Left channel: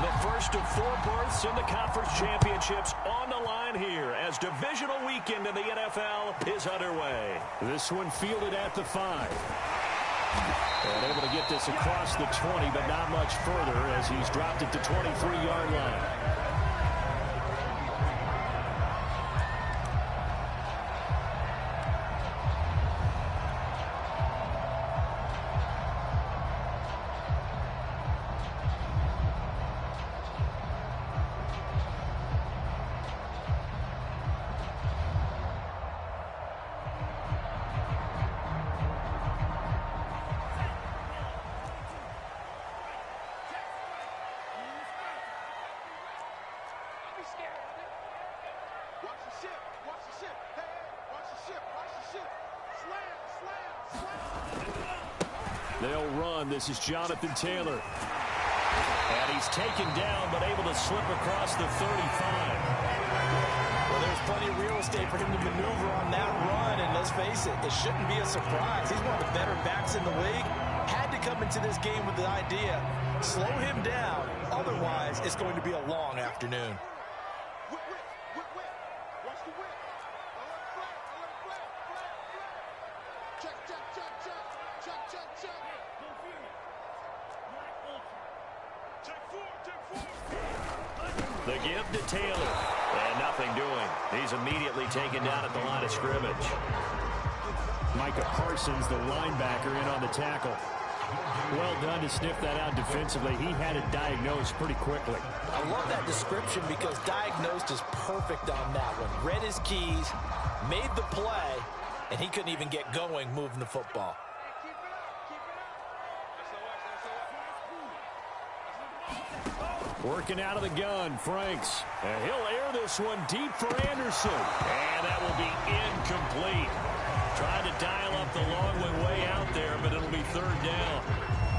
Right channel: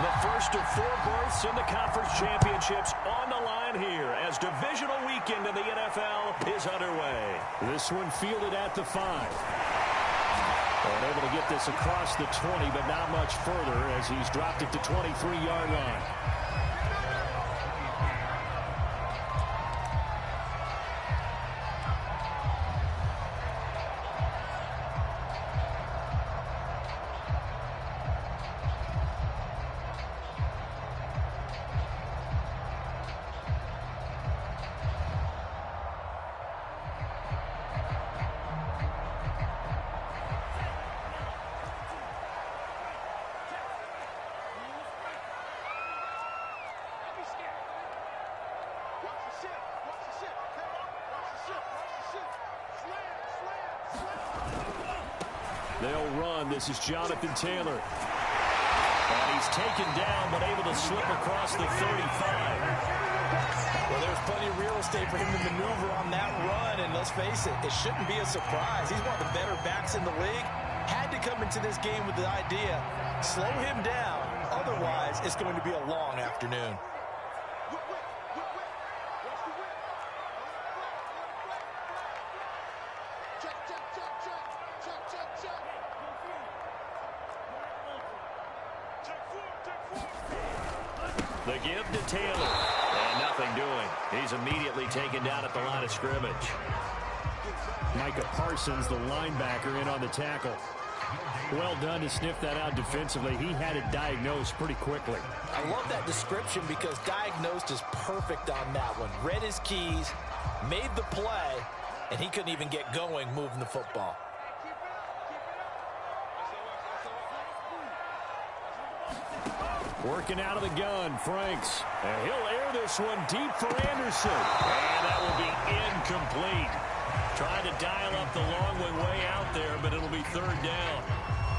The first of 4 berths in the conference championships on the line here as divisional weekend in the NFL is underway. This one fielded at the 5. And able to get this across the 20, but not much further as he's dropped it to 23-yard line. They'll run. This is Jonathan Taylor. And he's taken down, but able to slip across the 35. Well, there's plenty of real estate for him to maneuver on that run. And let's face it, it shouldn't be a surprise. He's one of the better backs in the league. Had to come into this game with the idea, slow him down. Otherwise, it's going to be a long afternoon. The give to Taylor. And nothing doing. He's immediately taken down at the line of scrimmage. Micah Parsons, the linebacker, in on the tackle. Well done to sniff that out defensively. He had it diagnosed pretty quickly. I love that description because diagnosed is perfect on that one. Read his keys, made the play, and he couldn't even get going moving the football. Working out of the gun, Franks. And he'll air this one deep for Anderson. And that will be incomplete. Trying to dial up the long one way out there, but it'll be 3rd down.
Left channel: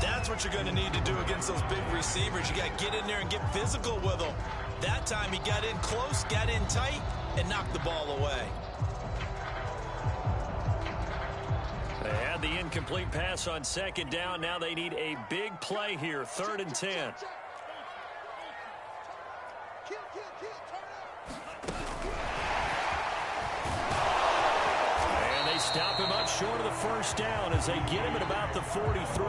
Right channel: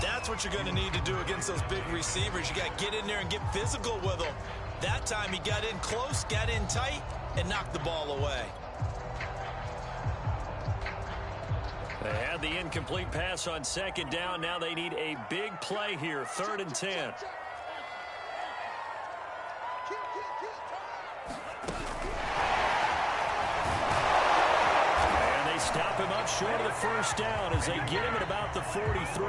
That's what you're going to need to do against those big receivers. You got to get in there and get physical with them. That time he got in close, got in tight, and knocked the ball away. They had the incomplete pass on 2nd down. Now they need a big play here, 3rd and 10. Stop him up short of the 1st down as they get him at about the 43.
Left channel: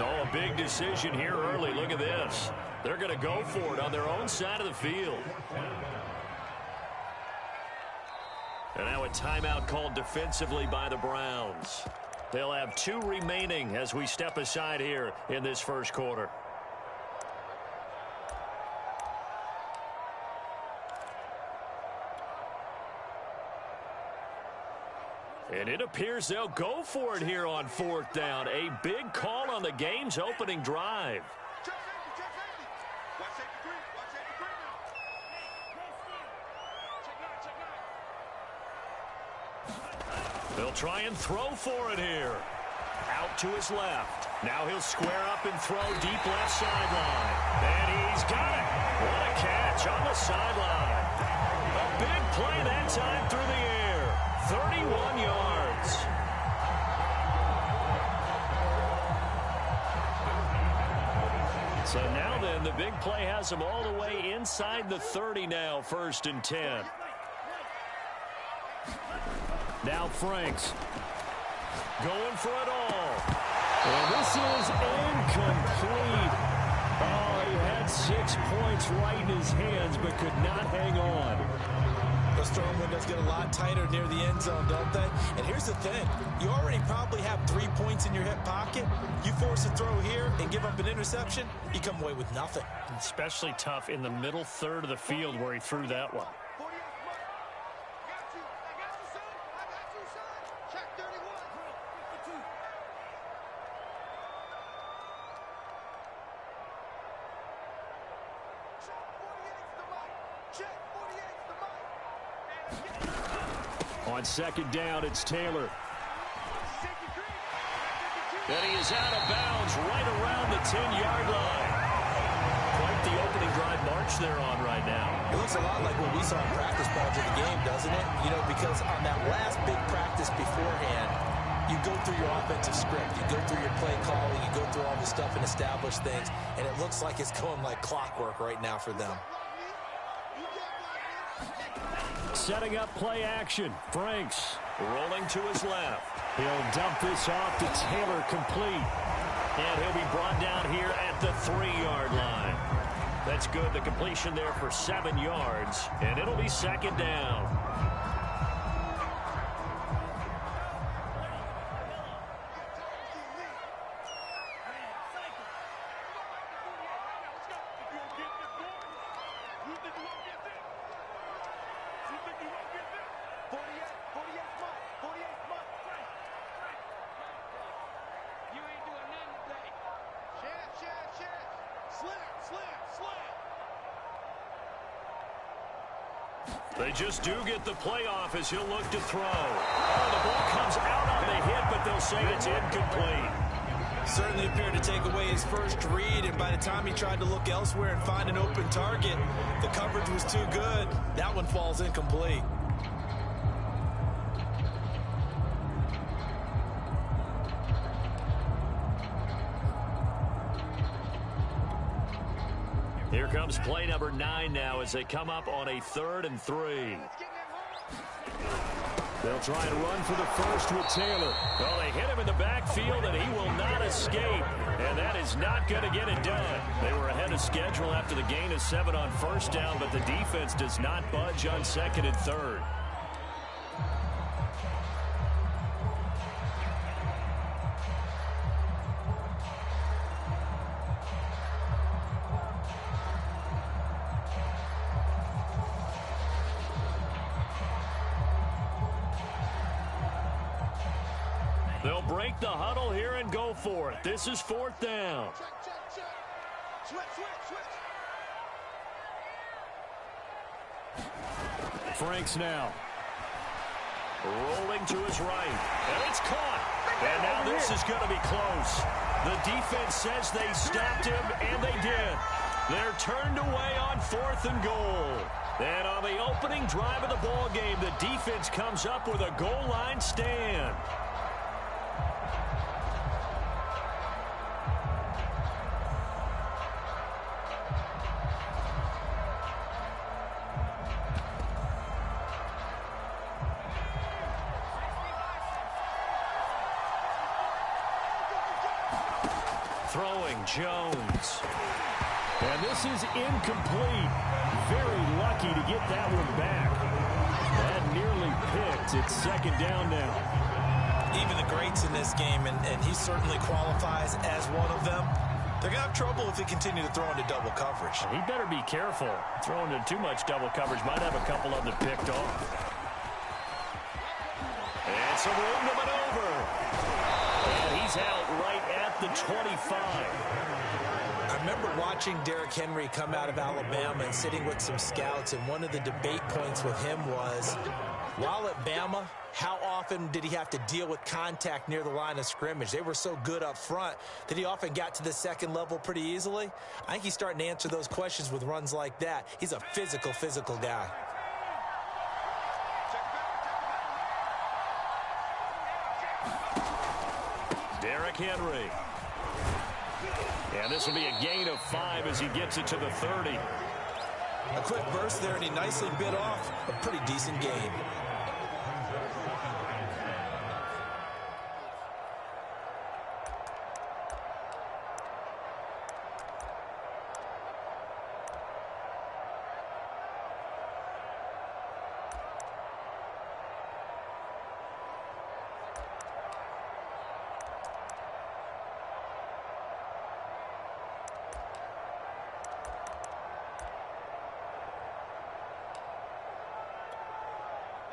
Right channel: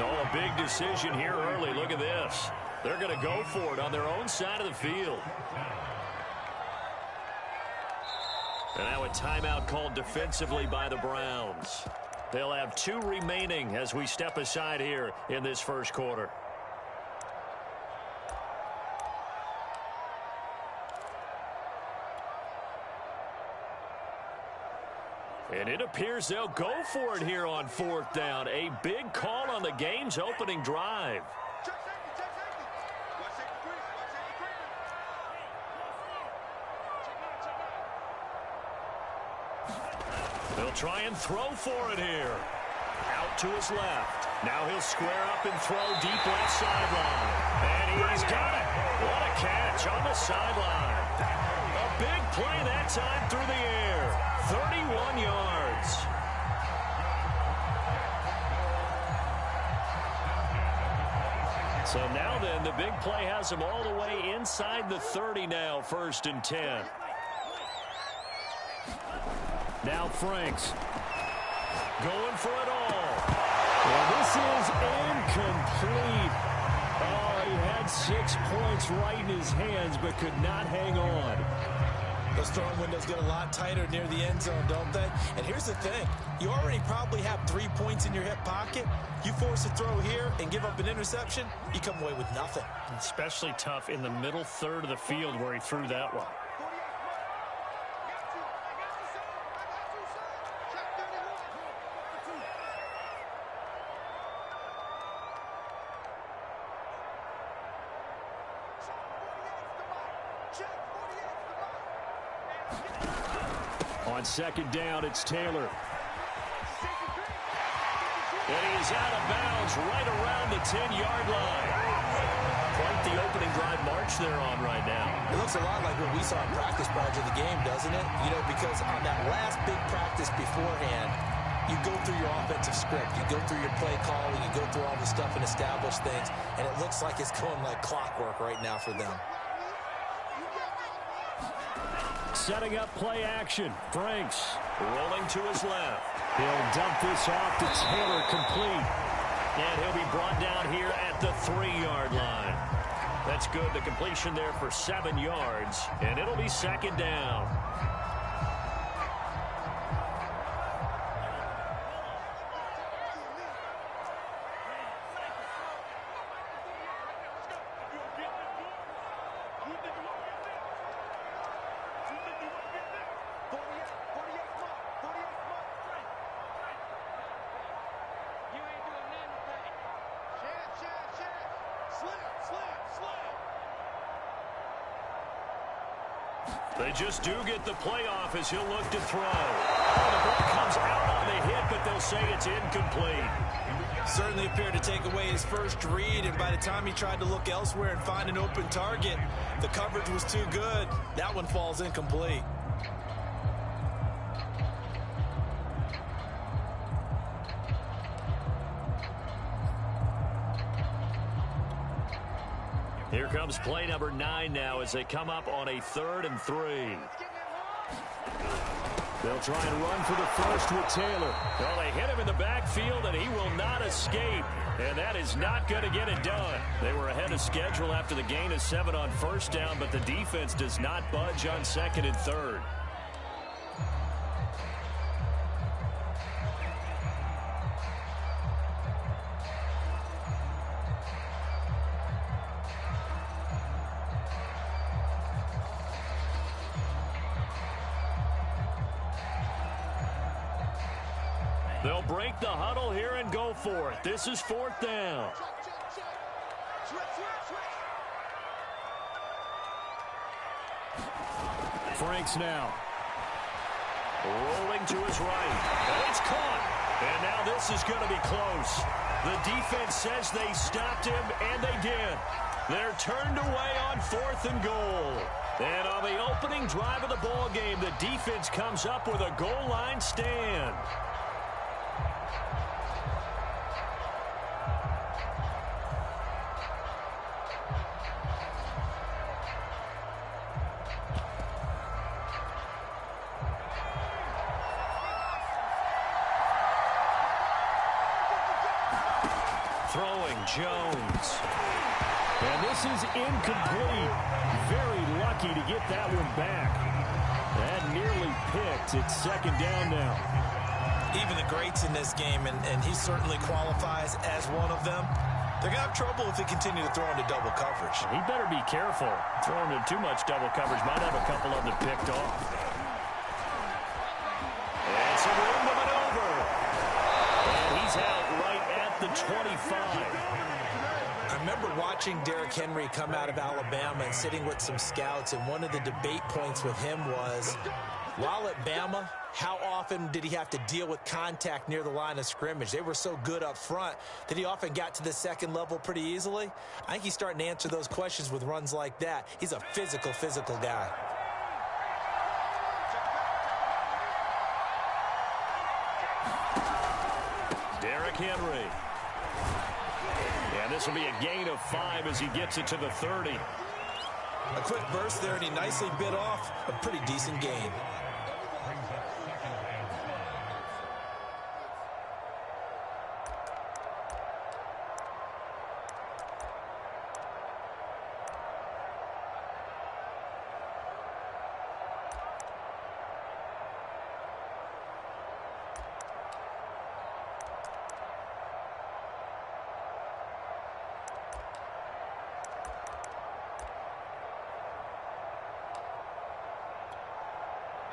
Oh, a big decision here early. Look at this. They're going to go for it on their own side of the field. And now a timeout called defensively by the Browns. They'll have 2 remaining as we step aside here in this first quarter. And it appears they'll go for it here on 4th down. A big call on the game's opening drive. They'll try and throw for it here. Out to his left. Now he'll square up and throw deep left sideline. And he's got it. What a catch on the sideline. A big play that time through the air. 31 yards. So now then, the big play has him all the way inside the 30 now, 1st and 10. Now Franks. Going for it all. And this is incomplete. Oh, he had 6 points right in his hands, but could not hang on. Those throwing windows get a lot tighter near the end zone, don't they? And here's the thing. You already probably have 3 points in your hip pocket. You force a throw here and give up an interception, you come away with nothing. Especially tough in the middle 3rd of the field where he threw that one. On 2nd down, it's Taylor. And he is out of bounds right around the 10-yard line. Quite the opening drive march they're on right now. It looks a lot like what we saw in practice prior to the game, doesn't it? You know, because on that last big practice beforehand, you go through your offensive script. You go through your play calling. You go through all the stuff and establish things. And it looks like it's going like clockwork right now for them. Setting up play action. Franks rolling to his left. He'll dump this off to Taylor, complete. And he'll be brought down here at the 3-yard line. That's good. The completion there for 7 yards. And it'll be second down. They just do get the playoff as he'll look to throw. Oh, the ball comes out on the hit, but they'll say it's incomplete. Certainly appeared to take away his first read, and by the time he tried to look elsewhere and find an open target, the coverage was too good. That one falls incomplete. Here comes play number 9 now as they come up on a 3rd and 3. They'll try and run for the first with Taylor. Well, they hit him in the backfield, and he will not escape. And that is not going to get it done. They were ahead of schedule after the gain of 7 on first down, but the defense does not budge on 2nd and 3rd. They'll break the huddle here and go for it. This is 4th down. Franks now. Rolling to his right. And it's caught. And now this is going to be close. The defense says they stopped him, and they did. They're turned away on 4th and goal. And on the opening drive of the ball game, the defense comes up with a goal line stand. Throwing Jones. And this is incomplete. Very lucky to get that one back. That nearly picked. It's 2nd down now. Even the greats in this game, and he certainly qualifies as one of them, they're going to have trouble if they continue to throw into double coverage. He better be careful. Throwing into too much double coverage might have a couple of them picked off. And some room to maneuver. And he's out right at the 25. I remember watching Derrick Henry come out of Alabama and sitting with some scouts, and one of the debate points with him was, while at Bama, how often did he have to deal with contact near the line of scrimmage? They were so good up front that he often got to the 2nd level pretty easily. I think he's starting to answer those questions with runs like that. He's a physical guy. Derrick Henry. And this will be a gain of 5 as he gets it to the 30. A quick burst there, and he nicely bit off a pretty decent gain.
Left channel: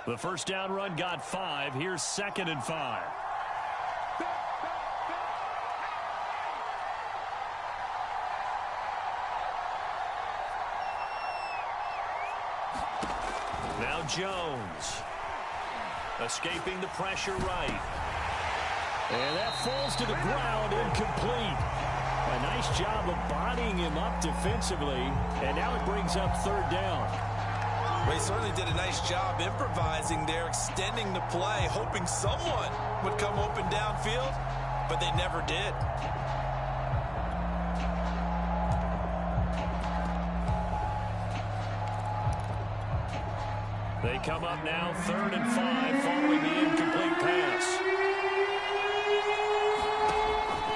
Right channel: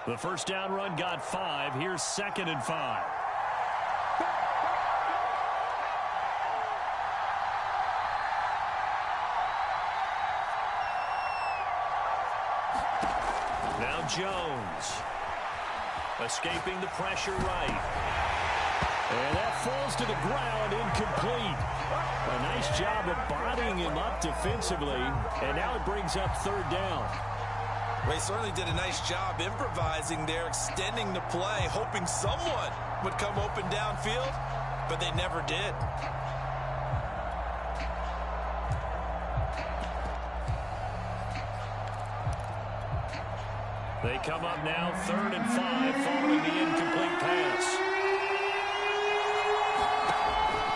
The first down run got 5. Here's 2nd and 5. Now Jones. Escaping the pressure right. And that falls to the ground, incomplete. A nice job of bodying him up defensively. And now it brings up 3rd down. Well, he certainly did a nice job improvising there, extending the play, hoping someone would come open downfield, but they never did. They come up now 3rd and 5 following the incomplete pass.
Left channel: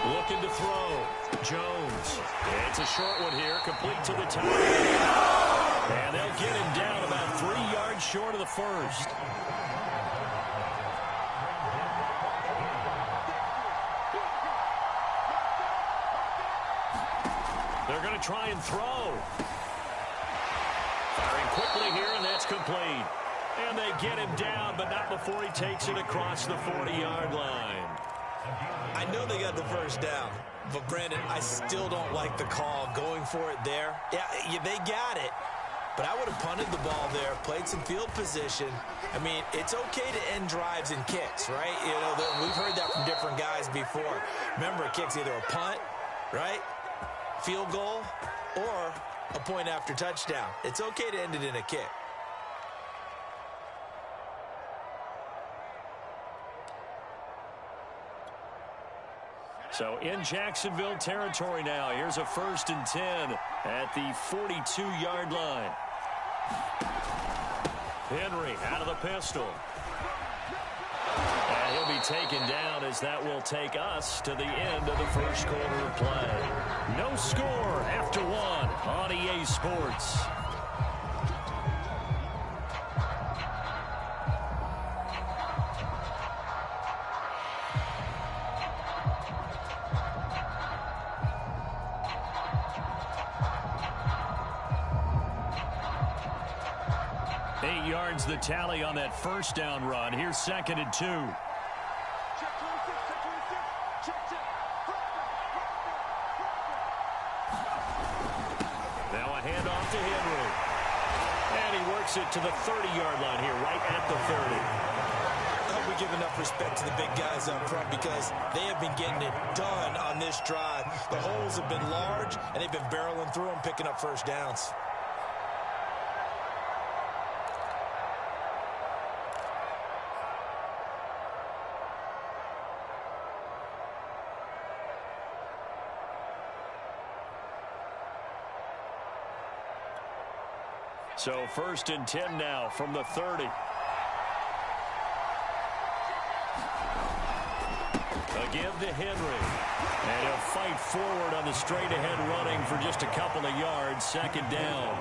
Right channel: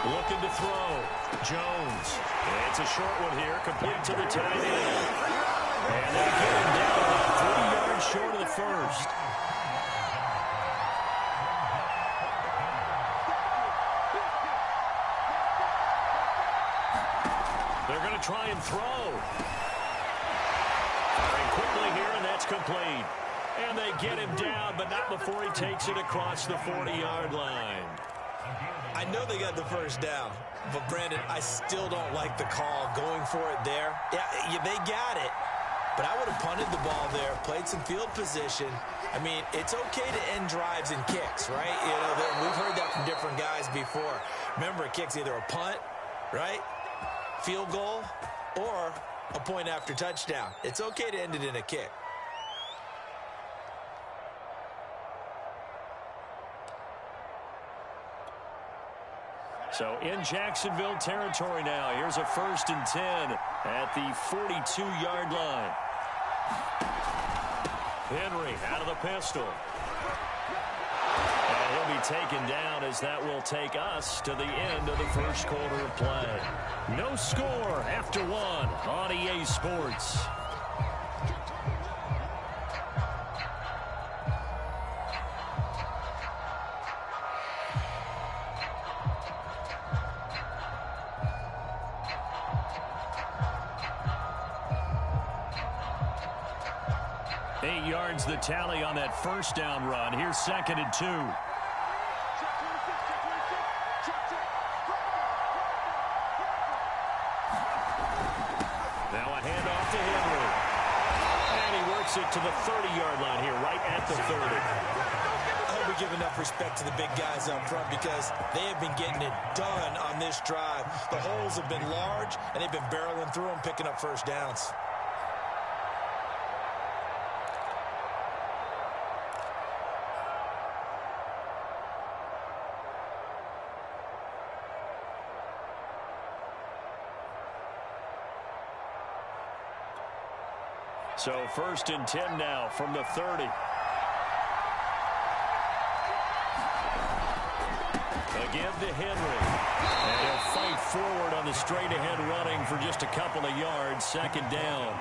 Looking to throw. Jones. It's a short one here, complete to the tight end. And they get him down about 3 yards short of the first. They're going to try and throw. Firing quickly here, and that's complete. And they get him down, but not before he takes it across the 40-yard line. I know they got the first down, but Brandon, I still don't like the call going for it there. Yeah, they got it, but I would have punted the ball there, played some field position. I mean, it's okay to end drives and kicks, right? You know, we've heard that from different guys before. Remember, a kick's either a punt, right, field goal, or a point after touchdown. It's okay to end it in a kick. So in Jacksonville territory now. Here's a 1st and 10 at the 42-yard line. Henry out of the pistol. And he'll be taken down as that will take us to the end of the first quarter of play. No score after 1 on EA Sports. Yards the tally on that first down run. Here's 2nd and 2. Now a handoff to Henry. And he works it to the 30-yard line here, right at the 30. I hope we give enough respect to the big guys up front because they have been getting it done on this drive. The holes have been large, and they've been barreling through them, picking up first downs. So 1st and 10 now from the 30. A give to Henry. And he'll fight forward on the straight-ahead running for just a couple of yards. 2nd down.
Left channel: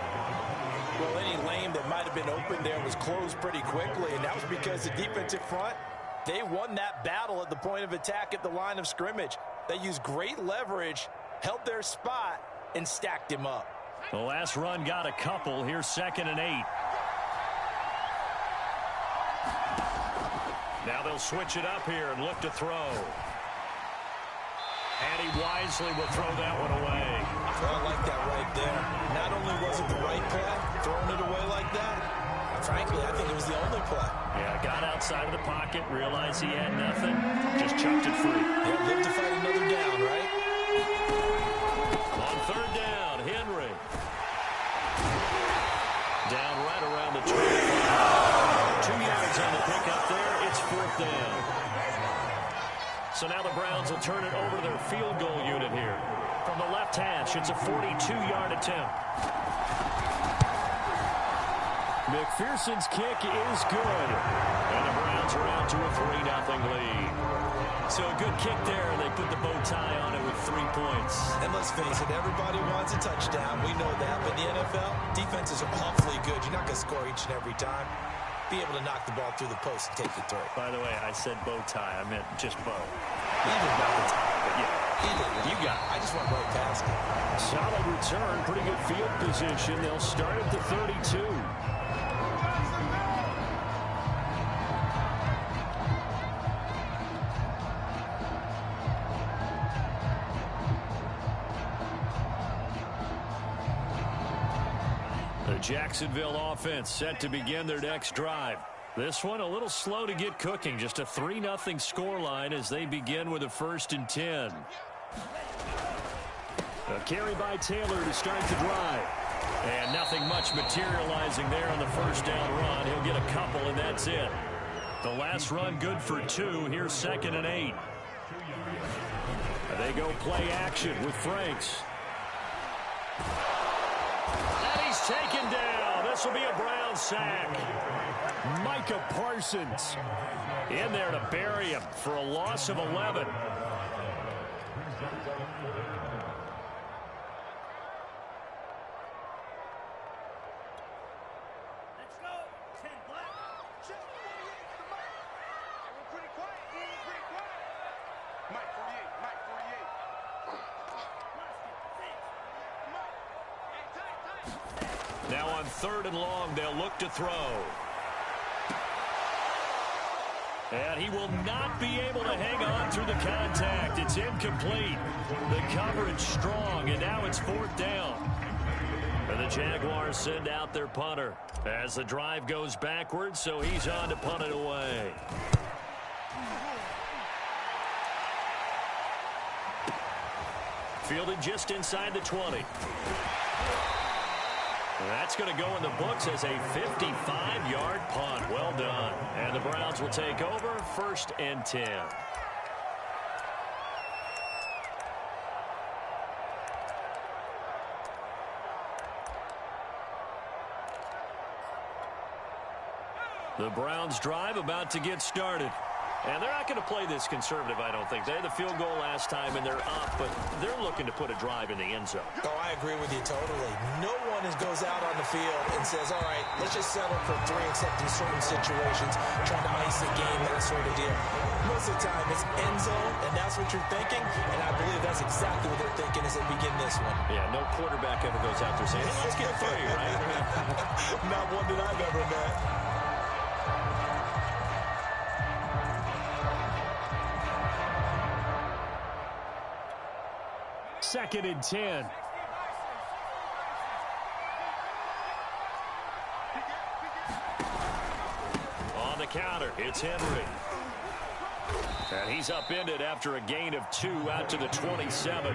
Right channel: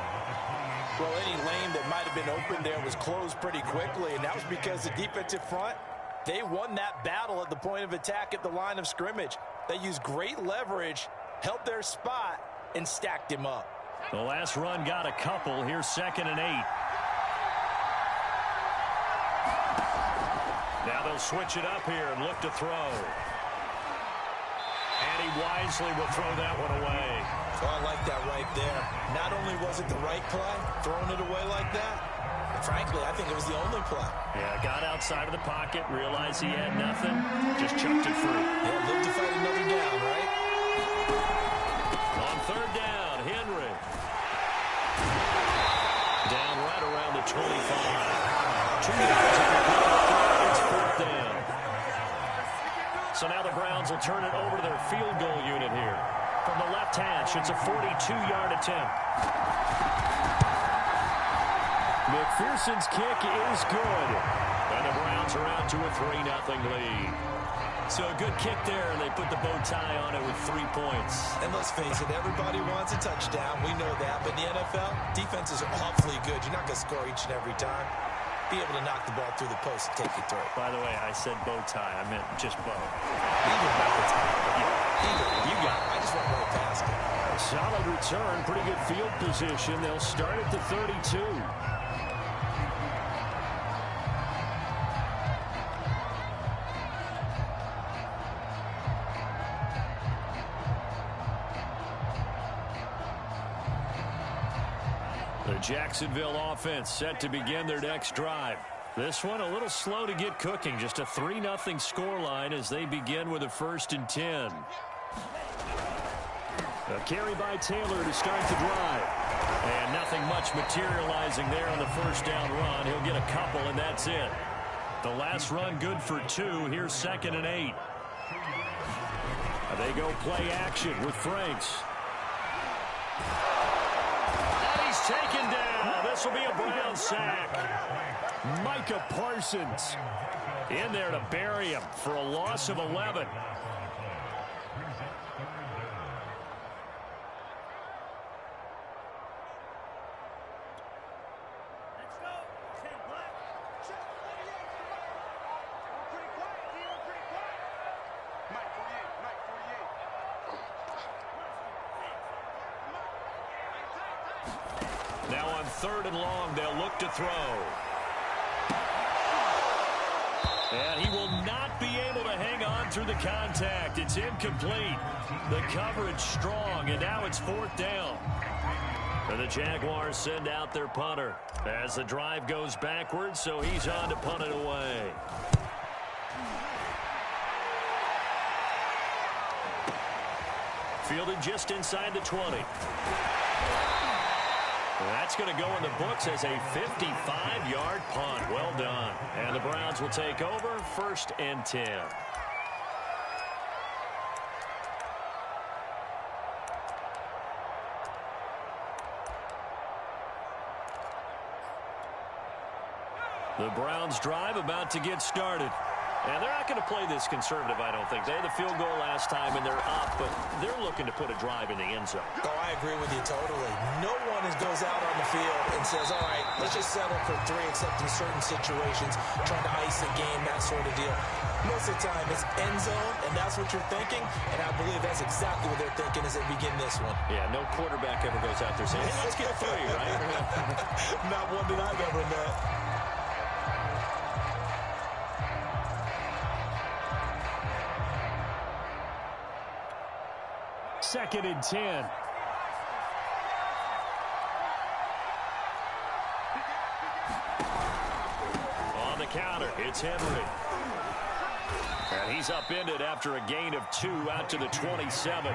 Well, any lane that might have been open there was closed pretty quickly, and that was because the defensive front, they won that battle at the point of attack at the line of scrimmage. They used great leverage, held their spot, and stacked him up. The last run got a couple. Here's 2nd and 8. Now they'll switch it up here and look to throw. And he wisely will throw that one away. Well, I like that right there. Not only was it the right play, throwing it away like that, frankly, I think it was the only play. Yeah, got outside of the pocket, realized he had nothing, just chucked it free. Yeah, lived to fight another down, right? On 3rd down, Henry. Down right around the 25. 2 yards on the pickup there. It's 4th down. So now the Browns will turn it over to their field goal unit here. From the left hash, it's a 42-yard attempt. McPherson's kick is good. And the Browns are out to a 3-0 lead. So a good kick there, and they put the bow tie on it with 3 points. And let's face it, everybody wants a touchdown. We know that. But in the NFL, defenses are awfully good. You're not going to score each and every time. Be able to knock the ball through the post and take you through. By the way, I said bow tie. I meant just bow. Either bow tie. But yeah, either. You got it. I just went right past it. Solid return. Pretty good field position. They'll start at the 32. The Jacksonville offense set to begin their next drive. This one a little slow to get cooking. Just a 3-0 scoreline as they begin with a 1st and 10. A carry by Taylor to start the drive. And nothing much materializing there on the first down run. He'll get a couple, and that's it. The last run good for 2. Here's 2nd and 8. They go play action with Franks. And he's taken down. This will be a Brown sack. Micah Parsons in there to bury him for a loss of 11. Now on 3rd and long, they'll look to throw. And he will not be able to hang on through the contact. It's incomplete. The coverage strong, and now it's 4th down. And the Jaguars send out their punter as the drive goes backwards, so he's on to punt it away. Fielded just inside the 20. That's going to go in the books as a 55-yard punt. Well done. And the Browns will take over 1st and 10. The Browns drive about to get started. And they're not going to play this conservative, I don't think. They had the field goal last time, and they're up, but they're looking to put a drive in the end zone. Oh, I agree with you totally. No one goes out on the field and says, all right, let's just settle for 3, except in certain situations, trying to ice a game, that sort of deal. Most of the time, it's end zone, and that's what you're thinking, and I believe that's exactly what they're thinking as they begin this one. Yeah, no quarterback ever goes out there saying, hey, let's get 3, right? Not one that I've ever met. Second and 10. On the counter, it's Henry. And he's upended after a gain of 2 out to the 27.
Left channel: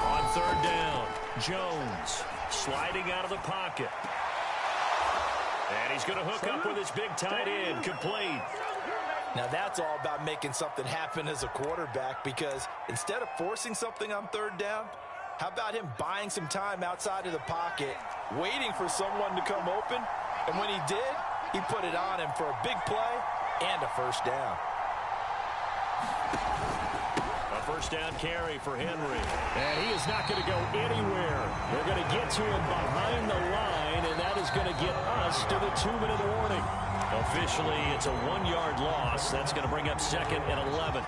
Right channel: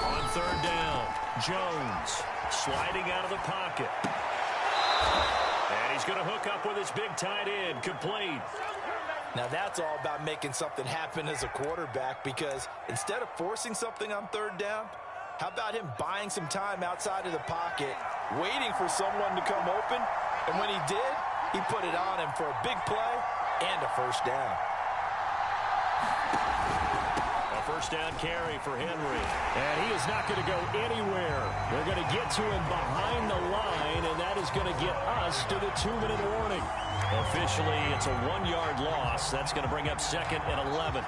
On 3rd down, Jones sliding out of the pocket. And he's going to hook up with his big tight end, complete. Now that's all about making something happen as a quarterback, because instead of forcing something on 3rd down, how about him buying some time outside of the pocket, waiting for someone to come open, and when he did, he put it on him for a big play and a 1st down. A 1st down carry for Henry. And he is not going to go anywhere. They're going to get to him behind the line, and that is going to get us to the 2-minute warning. Officially, it's a 1-yard loss. That's going to bring up 2nd and 11.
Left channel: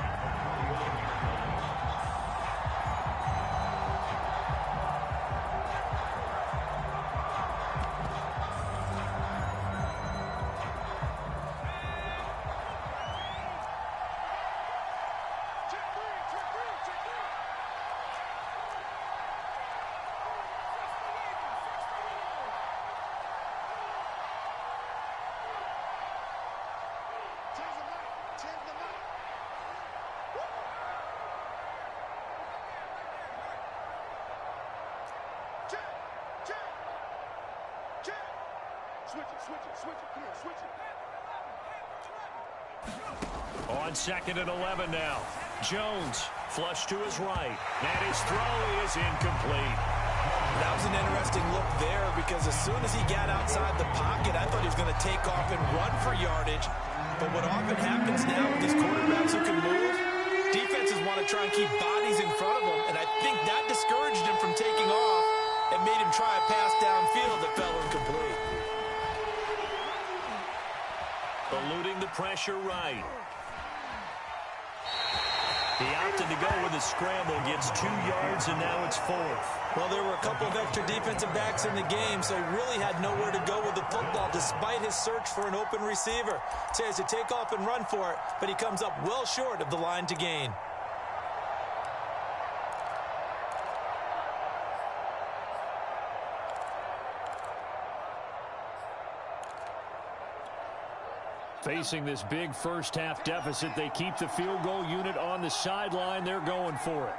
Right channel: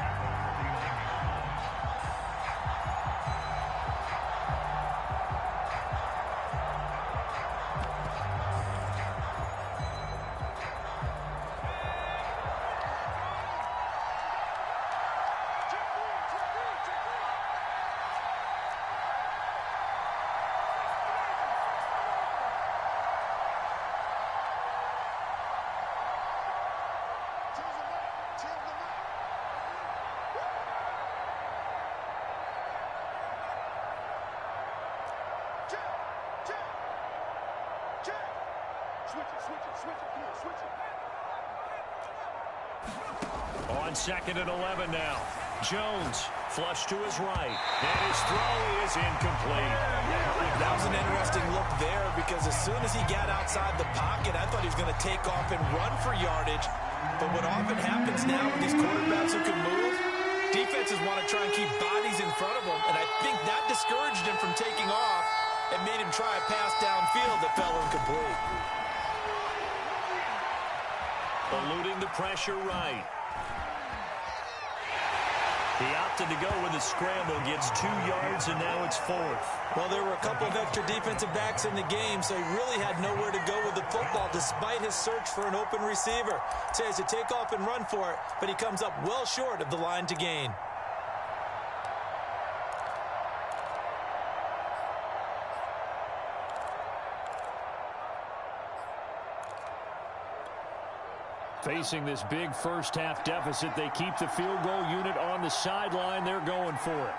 On 2nd and 11 now. Jones flush to his right. And his throw is incomplete. That was an interesting look there, because as soon as he got outside the pocket, I thought he was going to take off and run for yardage. But what often happens now with these quarterbacks who can move, defenses want to try and keep bodies in front of them. And I think that discouraged him from taking off and made him try a pass downfield that fell incomplete. Eluding the pressure right. He opted to go with a scramble, gets 2 yards, and now it's 4th. Well, there were a couple of extra defensive backs in the game, so he really had nowhere to go with the football despite his search for an open receiver. So he has to take off and run for it, but he comes up well short of the line to gain. Facing this big first-half deficit, they keep the field goal unit on the sideline. They're going for it.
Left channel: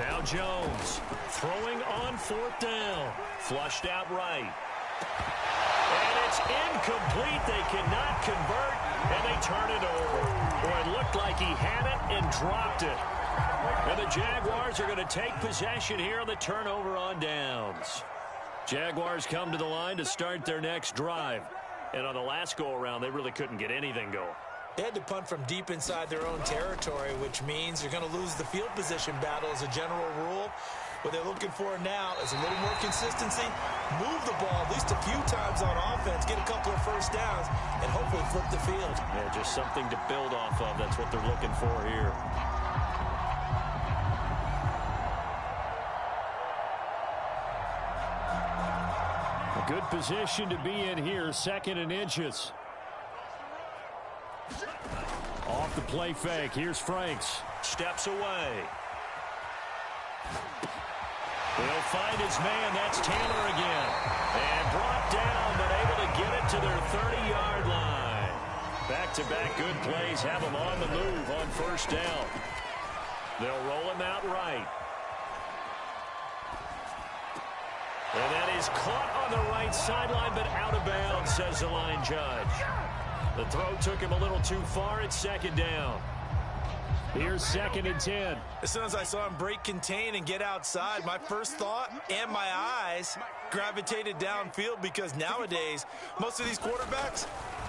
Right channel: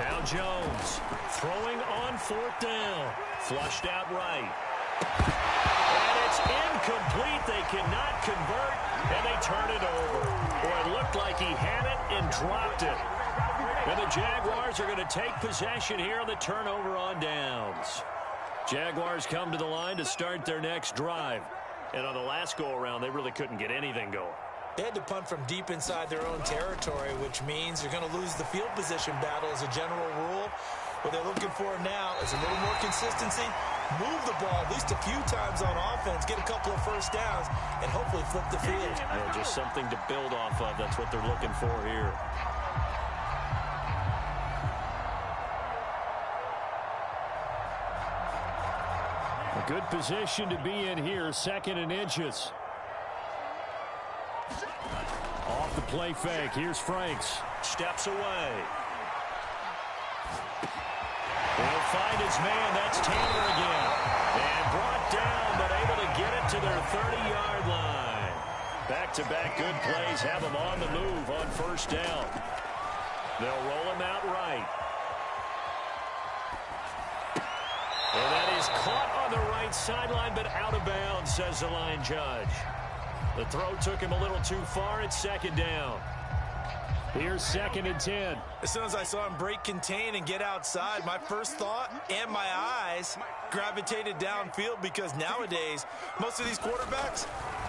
Now Jones throwing on 4th down. Flushed out right. And it's incomplete. They cannot convert, and they turn it over. Boy, it looked like he had it and dropped it. And the Jaguars are going to take possession here on the turnover on downs. Jaguars come to the line to start their next drive. And on the last go-around, they really couldn't get anything going. They had to punt from deep inside their own territory, which means you're going to lose the field position battle as a general rule. What they're looking for now is a little more consistency, move the ball at least a few times on offense, get a couple of first downs, and hopefully flip the field. Yeah, just something to build off of. That's what they're looking for here. A good position to be in here, 2nd and inches. Off the play fake. Here's Franks. Steps away. He'll find his man. That's Taylor again. And brought down, but able to get it to their 30-yard line. Back-to-back good plays have them on the move on 1st down. They'll roll him out right. And that is caught on the right sideline, but out of bounds, says the line judge. The throw took him a little too far. It's 2nd down. Here's 2nd and 10. As soon as I saw him break contain and get outside, my first thought and my eyes gravitated downfield, because nowadays, most of these quarterbacks,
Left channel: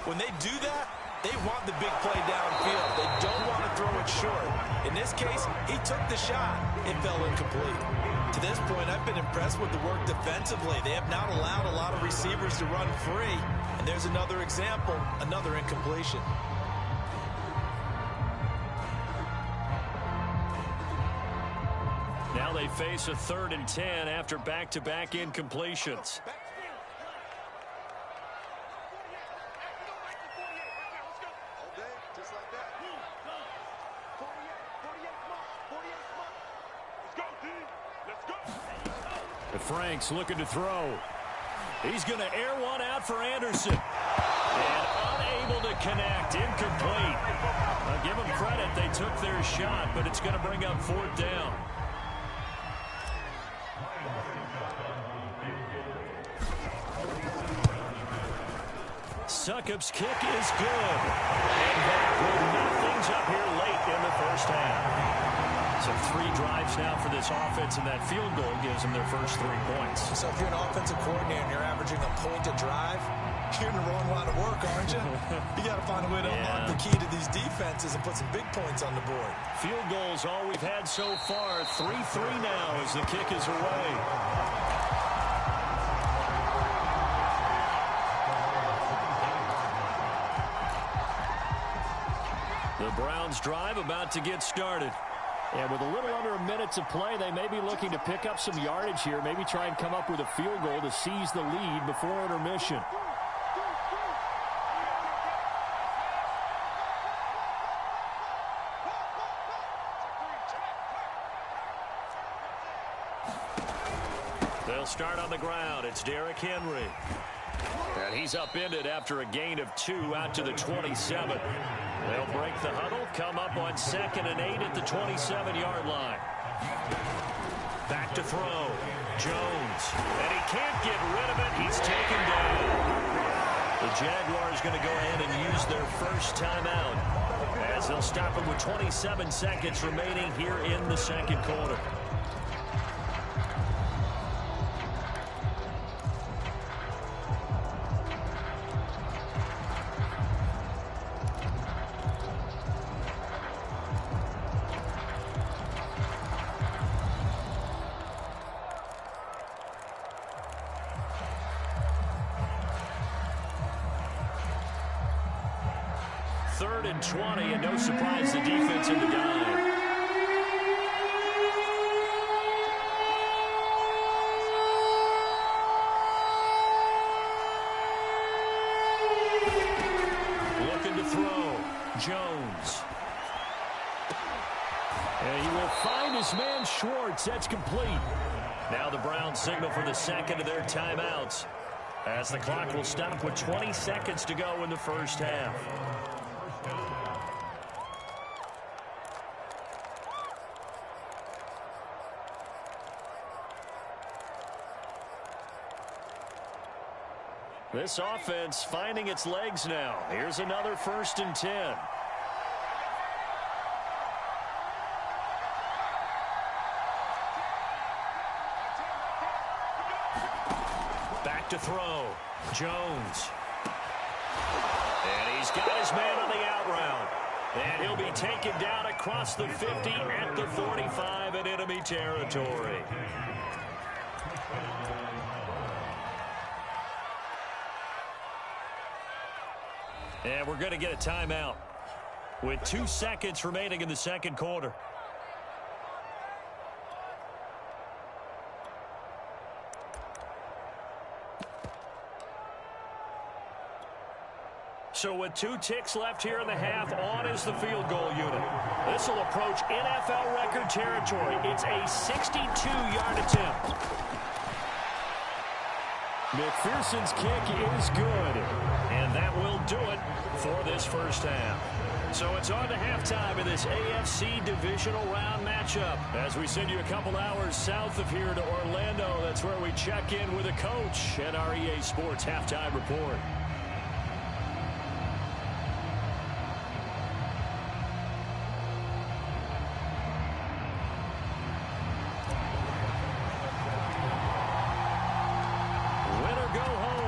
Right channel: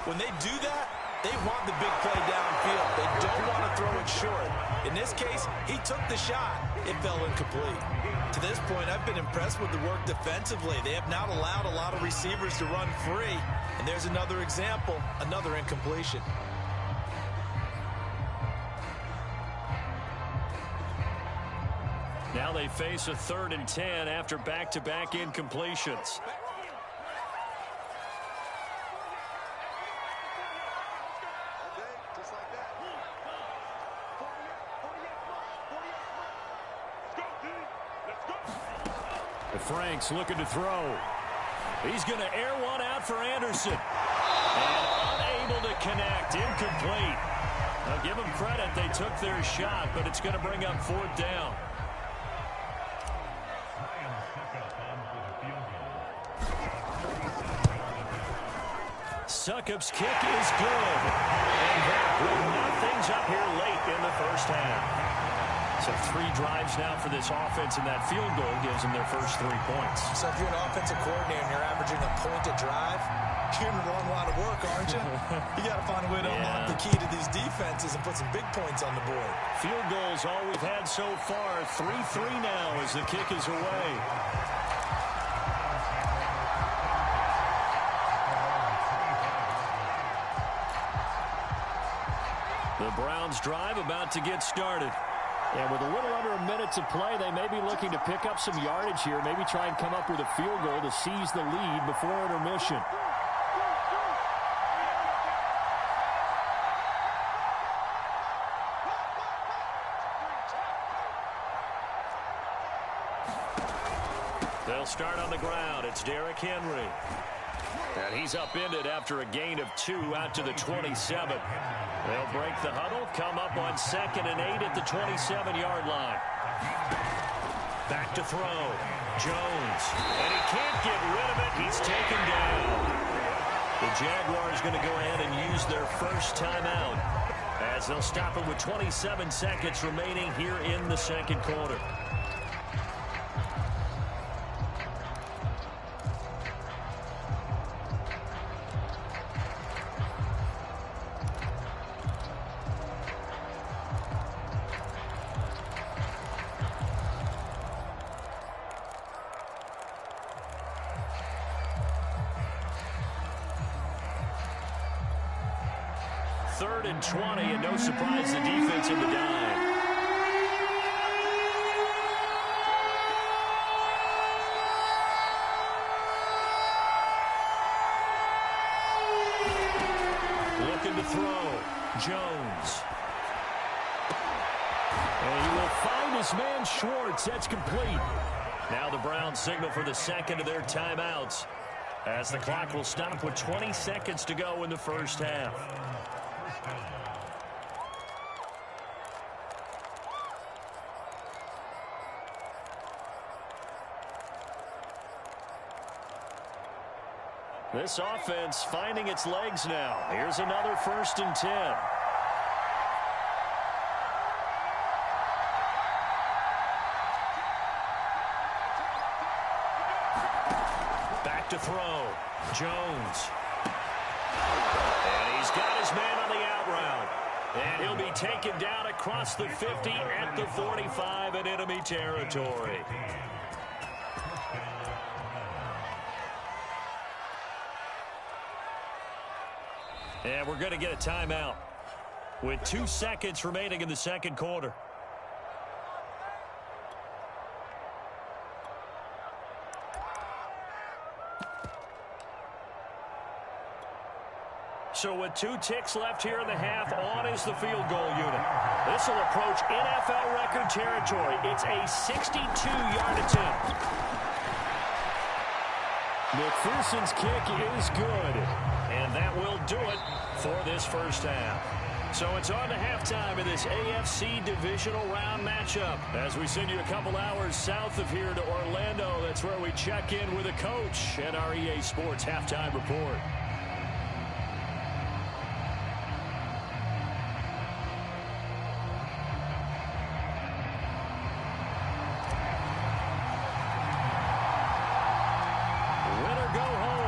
when they do that, they want the big play downfield. They don't want to throw it short. In this case, he took the shot. It fell incomplete. To this point, I've been impressed with the work defensively. They have not allowed a lot of receivers to run free. And there's another example, another incompletion. Now they face a 3rd and 10 after back-to-back incompletions. Franks looking to throw. He's going to air one out for Anderson. And unable to connect. Incomplete. I'll give them credit. They took their shot, but it's going to bring up 4th down. Succop's kick is good. And that will knock things up here late in the 1st half. So 3 drives now for this offense, and that field goal gives them their first 3 points. So if you're an offensive coordinator and you're averaging a point a drive, you're in the wrong line of work, aren't you? You got to find a way to unlock the key to these defenses and put some big points on the board. Field goals all we've had so far. 3-3 now as the kick is away. The Browns drive about to get started. And with a little under a minute to play, they may be looking to pick up some yardage here, maybe try and come up with a field goal to seize the lead before intermission. They'll start on the ground. It's Derrick Henry. And he's upended after a gain of 2 out to the 27. They'll break the huddle, come up on 2nd and 8 at the 27-yard line. Back to throw. Jones. And he can't get rid of it. He's taken down. The Jaguars going to go ahead and use their first timeout as they'll stop it with 27 seconds remaining here in the 2nd quarter. Third and 20, and no surprise, the defense in the dime. Looking to throw. Jones. And he will find his man Schwartz. That's complete. Now the Browns signal for the 2nd of their timeouts, as the clock will stop with 20 seconds to go in the first half. This offense finding its legs now. Here's another 1st and 10. Back to throw. Jones. And he's got his man on the out route. And he'll be taken down across the 50 at the 45 in enemy territory. And we're going to get a timeout with 2 seconds remaining in the second quarter. So with 2 ticks left here in the half, on is the field goal unit. This will approach NFL record territory. It's a 62-yard attempt. McPherson's kick is good. And that will do it for this first half. So it's on to halftime in this AFC divisional round matchup. As we send you a couple hours south of here to Orlando, that's where we check in with a coach at our EA Sports Halftime Report.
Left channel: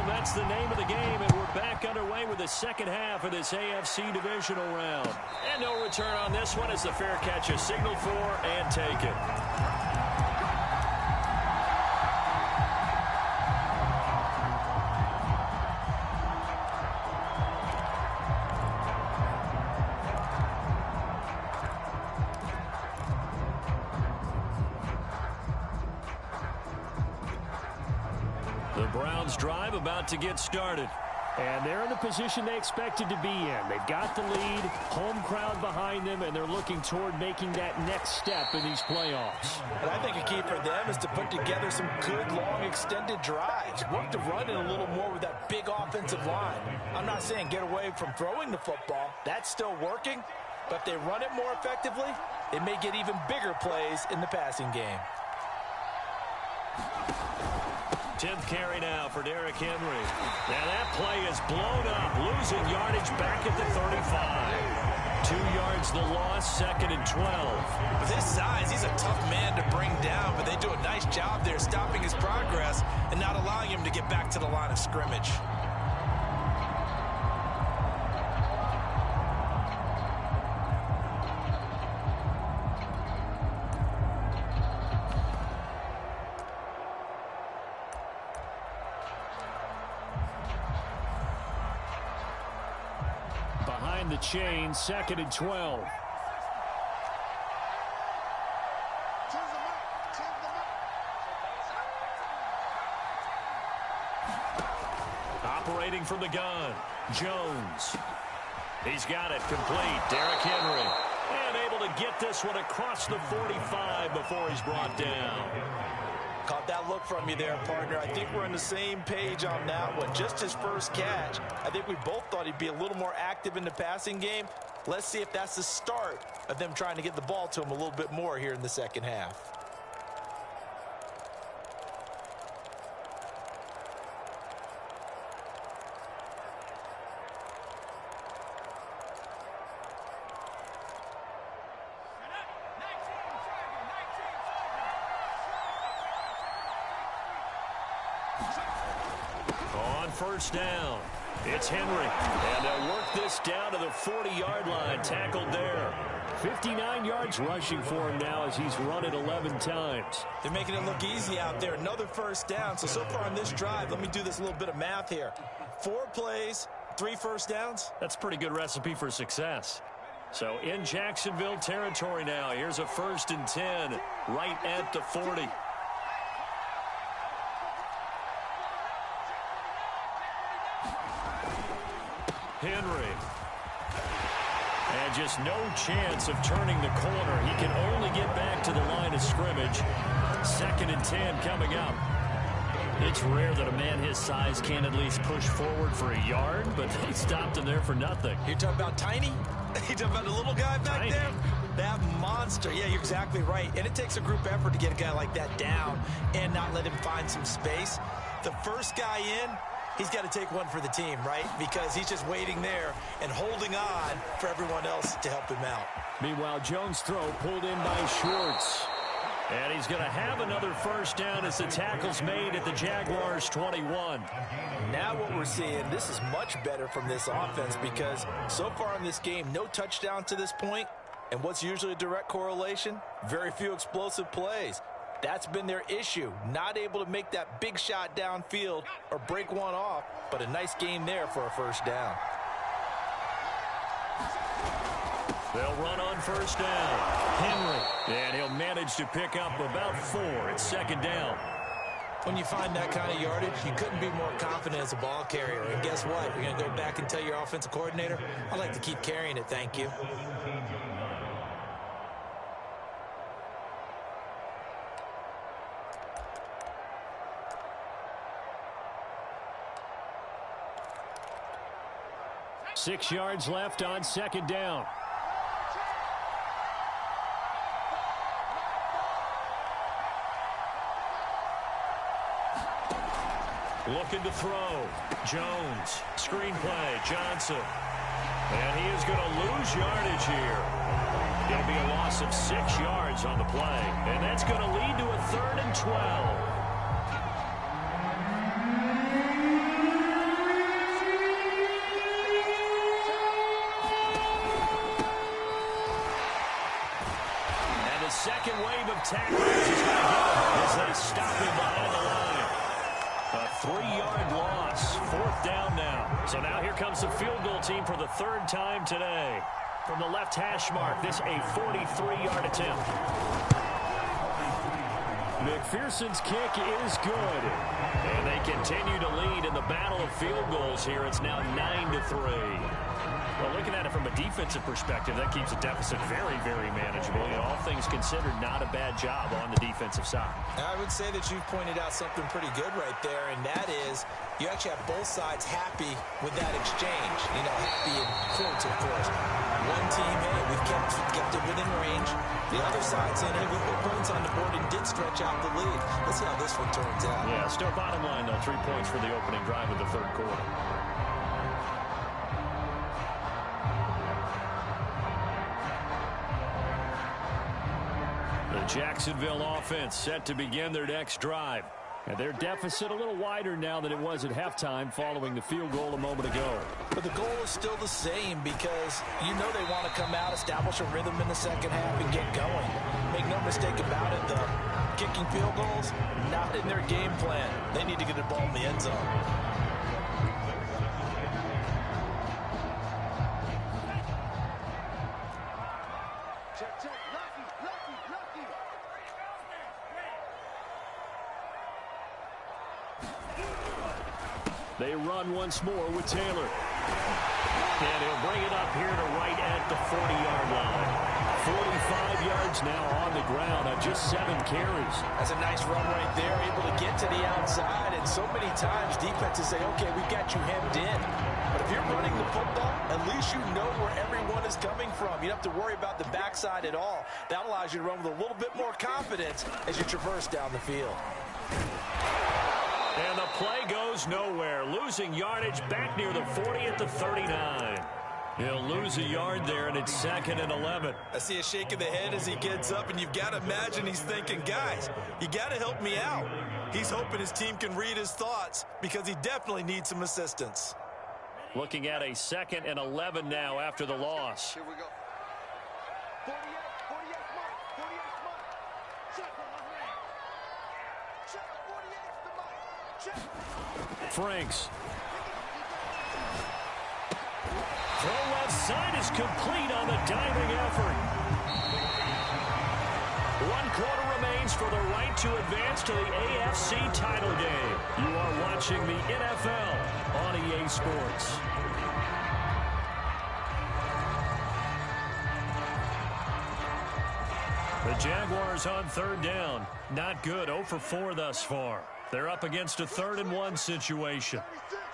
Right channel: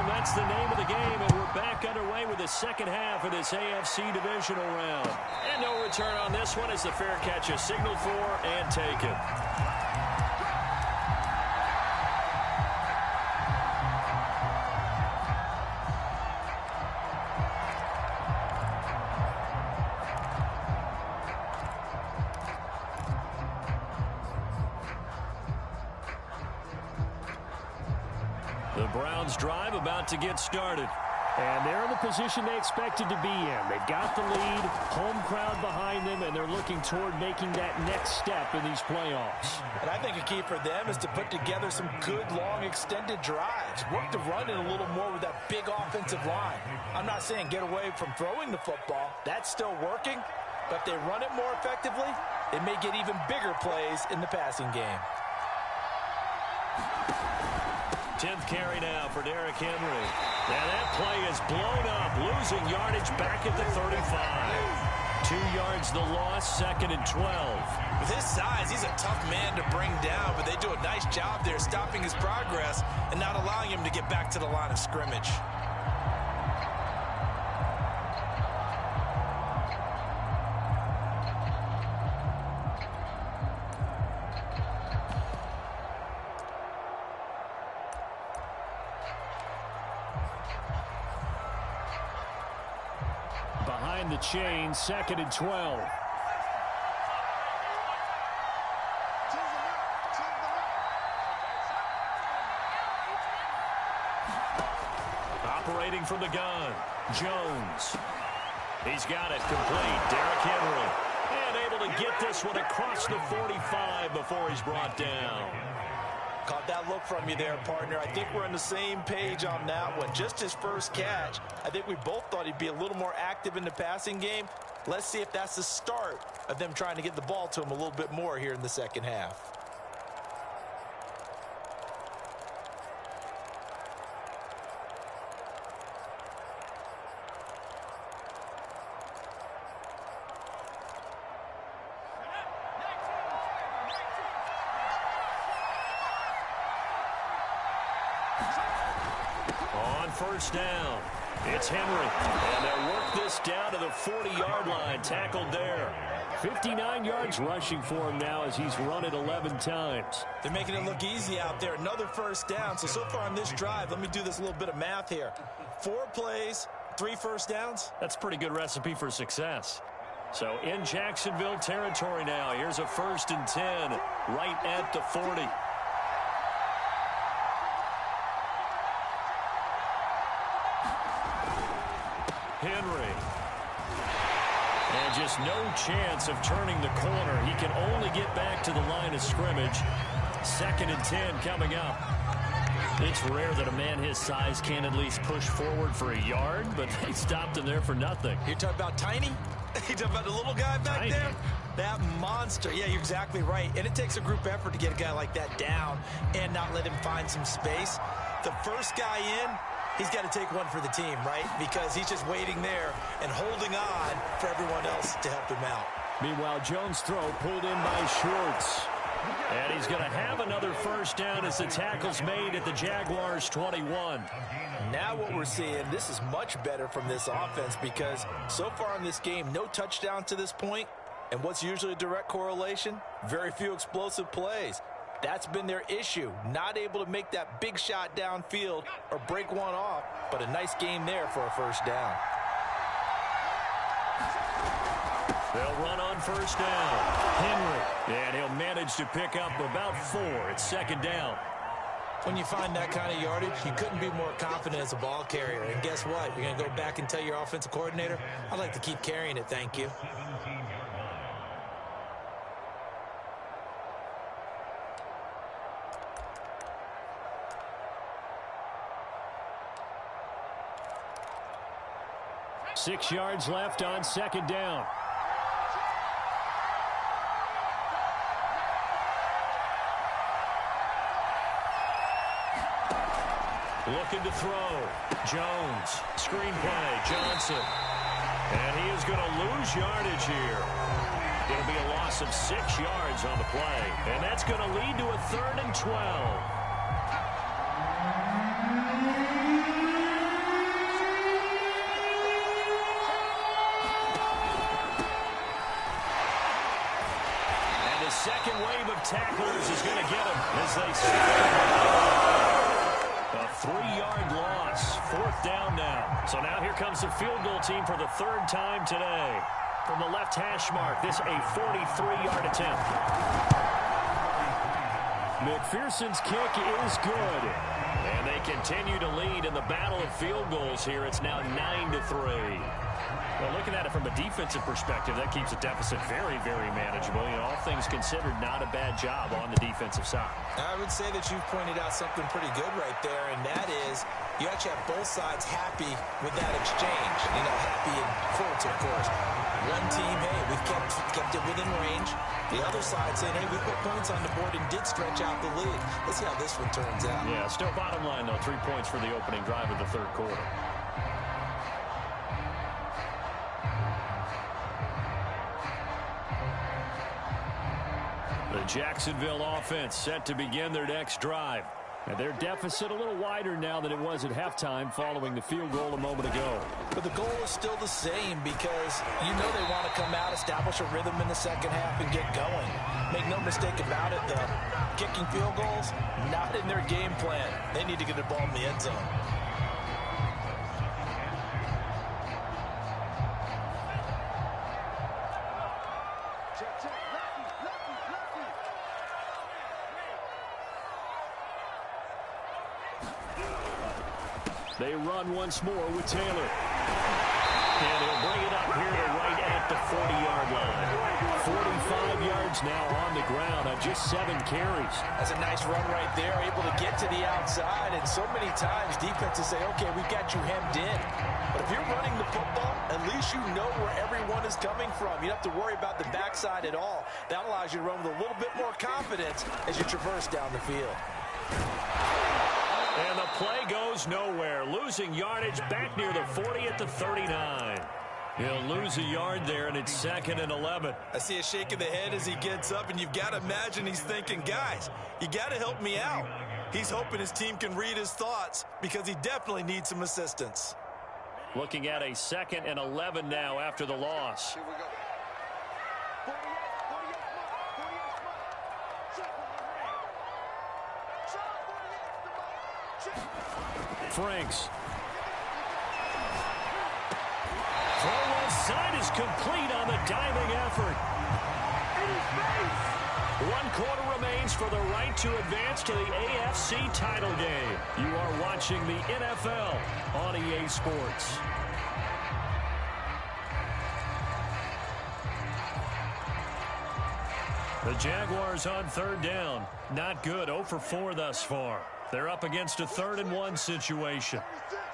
That's the name of the game, and we're back underway with the second half of this AFC divisional round. And no return on this one as the fair catch is signaled for and taken. The Browns drive about to get started. And they're in the position they expected to be in. They've got the lead, home crowd behind them, and they're looking toward making that next step in these playoffs. And I think a key for them is to put together some good, long, extended drives. Work the run in a little more with that big offensive line. I'm not saying get away from throwing the football. That's still working. But if they run it more effectively, it may get even bigger plays in the passing game. 10th carry now for Derrick Henry. Now that play is blown up, losing yardage back at the 35. 2 yards the loss, 2nd and 12. With his size, he's a tough man to bring down, but they do a nice job there stopping his progress and not allowing him to get back to the line of scrimmage. Behind the chain, 2nd and 12. Operating from the gun, Jones. He's got it complete. Derrick Henry. And able to get this one across the 45 before he's brought down. Caught that look from you there, partner. I think we're on the same page on that one. Just his first catch. I think we both thought he'd be a little more active in the passing game. Let's see if that's the start of them trying to get the ball to him a little bit more here in the second half. On first down, it's Henry. And they'll work this down to the 40-yard line, tackled there. 59 yards rushing for him now as he's run it 11 times. They're making it look easy out there. Another first down. So far on this drive, let me do this little bit of math here. 4 plays, 3 first downs. That's a pretty good recipe for success. So in Jacksonville territory now, here's a 1st and 10 right at the 40. Henry. And just no chance of turning the corner. He can only get back to the line of scrimmage. 2nd and 10 coming up. It's rare that a man his size can at least push forward for a yard, but they stopped him there for nothing. You're talking about tiny? You're talking about the little guy back there? That monster. Yeah, you're exactly right. And it takes a group effort to get a guy like that down and not let him find some space. The first guy in, he's got to take one for the team, right? Because he's just waiting there and holding on for everyone else to help him out. Meanwhile, Jones' throw pulled in by Schwartz. And he's going to have another first down as the tackle's made at the Jaguars' 21. Now what we're seeing, this is much better from this offense because so far in this game, no touchdown to this point. And what's usually a direct correlation? Very few explosive plays. That's been their issue. Not able to make that big shot downfield or break one off, but a nice game there for a first down. They'll run on first down. Henry. And he'll manage to pick up about 4. It's second down. When you find that kind of yardage, you couldn't be more confident as a ball carrier. And guess what? You're going to go back and tell your offensive coordinator, I'd like to keep carrying it, thank you. Six yards left on second down. Looking to throw. Jones. Screen play. Johnson. And he is going to lose yardage here. It'll be a loss of 6 yards on the play. And that's going to lead to a 3rd and 12. And the second wave of tacklers is going to get him as they stop him behind the line. A 3-yard loss. 4th down now. So now here comes the field goal team for the 3rd time today. From the left hash mark, this a 43-yard attempt. McPherson's kick is good. And they continue to lead in the battle of field goals here. It's now 9-3. Well, looking at it from a defensive perspective, that keeps the deficit very, very manageable. You know, all things considered, not a bad job on the defensive side. I would say that you've pointed out something pretty good right there, and that is you actually have both sides happy with that exchange. You know, happy in quotes, of course. One team, hey, we've kept it within range. The other side saying, hey, we put points on the board and did stretch out the lead. Let's see how this one turns out. Yeah, still bottom line, though, 3 points for the opening drive of the 3rd quarter. The Jacksonville offense set to begin their next drive. And their deficit a little wider now than it was at halftime following the field goal a moment ago. But the goal is still the same because you know they want to come out, establish a rhythm in the second half, and get going. Make no mistake about it, though. Kicking field goals, not in their game plan. They need to get the ball in the end zone. They run once more with Taylor. And he'll bring it up here to right at the 40-yard line. 45 yards now on the ground on just 7 carries. That's a nice run right there, able to get to the outside. And so many times defenses say, okay, we've got you hemmed in. But if you're running the football, at least you know where everyone is coming from. You don't have to worry about the backside at all. That allows you to run with a little bit more confidence as you traverse down the field. And the play goes nowhere. Losing yardage back near the 40 at the 39. He'll lose a yard there, and it's 2nd and 11. I see a shake of the head as he gets up, and you've got to imagine he's thinking, guys, you got to help me out. He's hoping his team can read his thoughts because he definitely needs some assistance. Looking at a 2nd and 11 now after the loss. Here we go. 48 mark. 48 mark. Check on the ring. Check 48 the mark. Check. Franks. Throw left side is complete on the diving effort. 1 quarter remains for the right to advance to the AFC title game. You are watching the NFL on EA Sports. The Jaguars on 3rd down. Not good. 0 for 4 thus far. They're up against a 3rd and 1 situation. 36.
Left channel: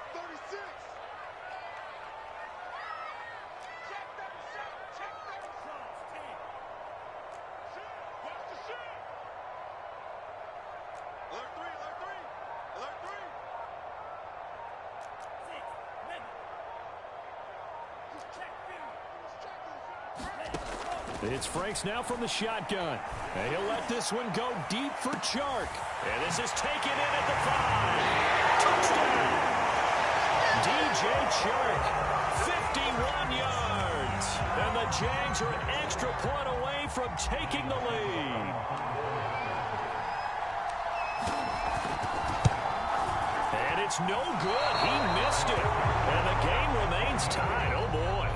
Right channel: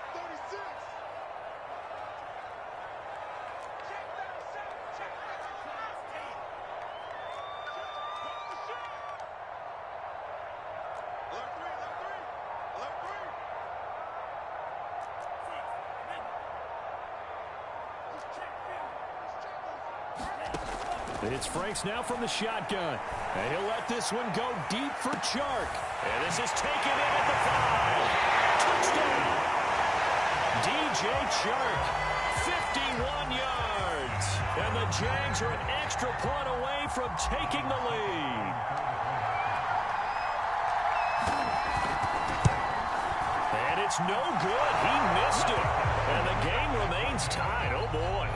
Check 37. Check 37. 10. Watch the shot. Alert 3. Alert 3. Alert 3. It's Franks now from the shotgun. And he'll let this one go deep for Chark. And this is taken in at the 5. Touchdown! DJ Chark, 51 yards. And the Jags are an extra point away from taking the lead. And it's no good. He missed it. And the game remains tied. Oh, boy.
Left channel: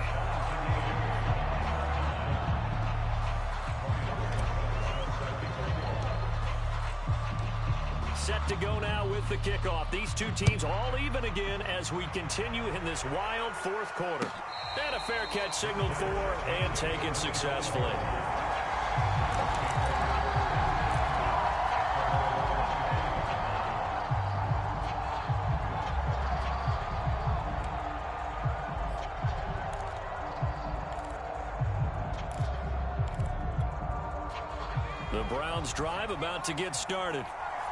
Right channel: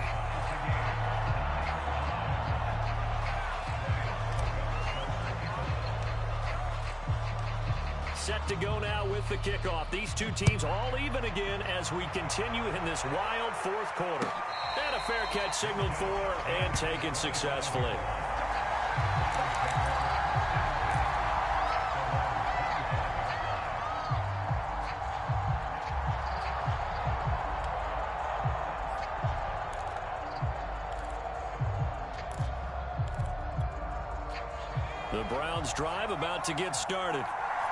Set to go now with the kickoff. These two teams all even again as we continue in this wild fourth quarter. And a fair catch signaled for and taken successfully. The Browns drive about to get started.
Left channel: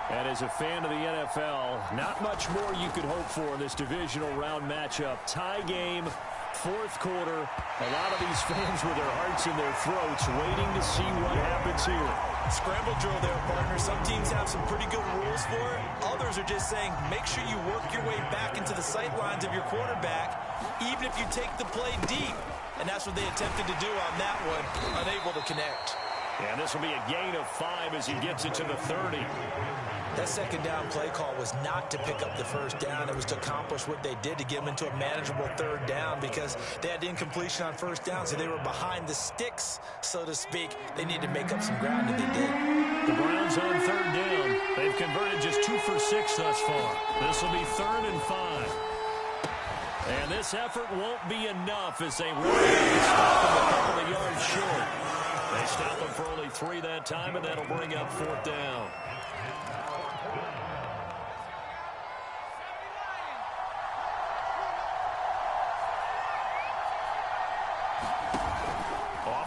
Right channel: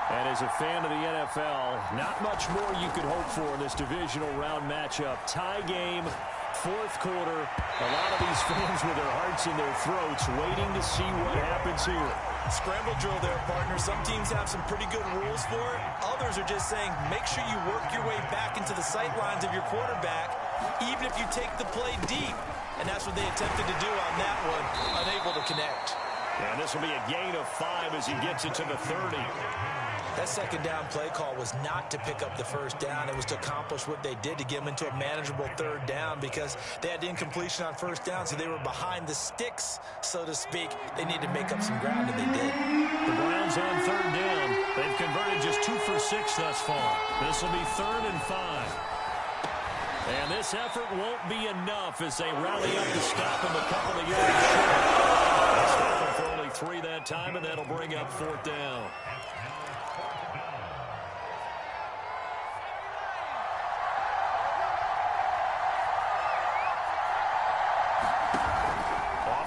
And as a fan of the NFL, not much more you could hope for in this divisional round matchup. Tie game, fourth quarter. A lot of these fans with their hearts in their throats waiting to see what happens here. Scramble drill there, partner. Some teams have some pretty good rules for it. Others are just saying, make sure you work your way back into the sight lines of your quarterback, even if you take the play deep. And that's what they attempted to do on that one, unable to connect. And this will be a gain of 5 as he gets it to the 30. That second down play call was not to pick up the first down. It was to accomplish what they did to get them into a manageable third down because they had incompletion on first down, so they were behind the sticks, so to speak. They needed to make up some ground, and they did. The Browns on third down. They've converted just 2 for 6 thus far. This will be 3rd and 5. And this effort won't be enough as they rally up to stop him a couple of yards short. They stop him for only 3 that time, and that'll bring up 4th down.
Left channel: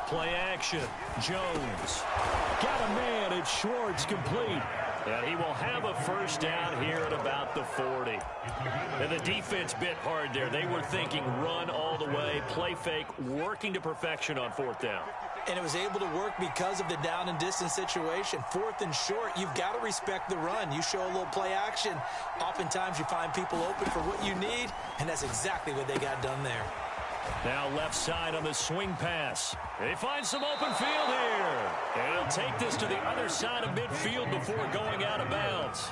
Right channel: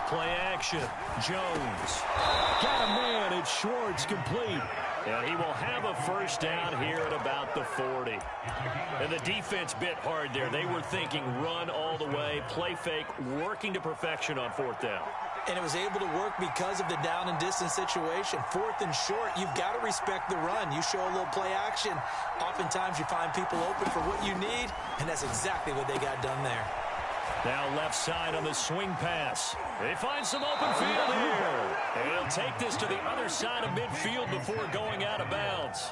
Play action. Jones. Got a man. It's Schwartz complete. And he will have a first down here at about the 40. And the defense bit hard there. They were thinking run all the way, play fake, working to perfection on 4th down. And it was able to work because of the down and distance situation. 4th and short, you've got to respect the run. You show a little play action. Oftentimes you find people open for what you need, and that's exactly what they got done there. Now left side on the swing pass. They find some open field here. And he'll take this to the other side of midfield before going out of bounds.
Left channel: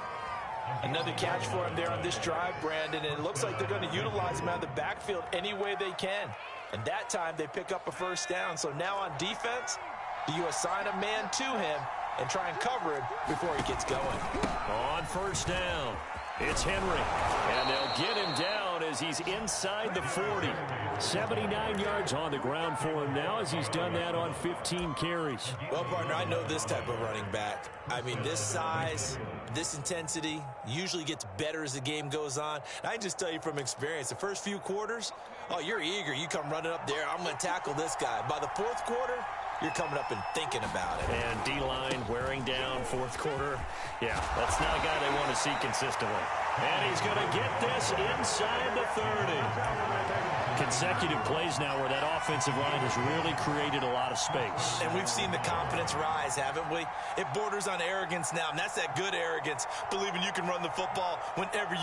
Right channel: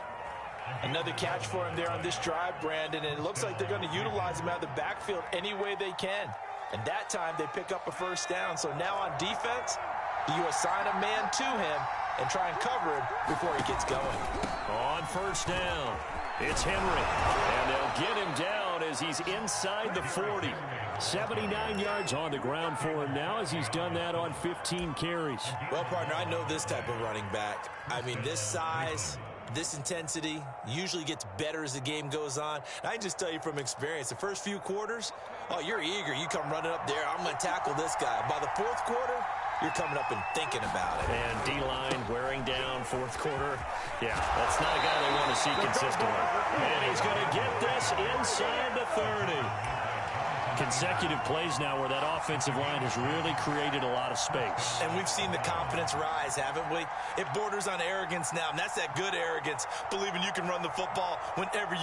Another catch for him there on this drive, Brandon, and it looks like they're going to utilize him out of the backfield any way they can. And that time they pick up a first down. So now on defense, do you assign a man to him and try and cover him before he gets going? On first down, it's Henry. And they'll get him down as he's inside the 40. 79 yards on the ground for him now as he's done that on 15 carries. Well, partner, I know this type of running back. I mean, this size, this intensity usually gets better as the game goes on. And I can just tell you from experience, the first few quarters, oh, you're eager. You come running up there. I'm going to tackle this guy. By the 4th quarter, you're coming up and thinking about it. And D-line wearing down 4th quarter. Yeah, that's not a guy they want to see consistently. And he's going to get this inside the 30. Consecutive plays now where that offensive line has really created a lot of space. And we've seen the confidence rise, haven't we? It borders on arrogance now, and that's that good arrogance, believing you can run the football whenever you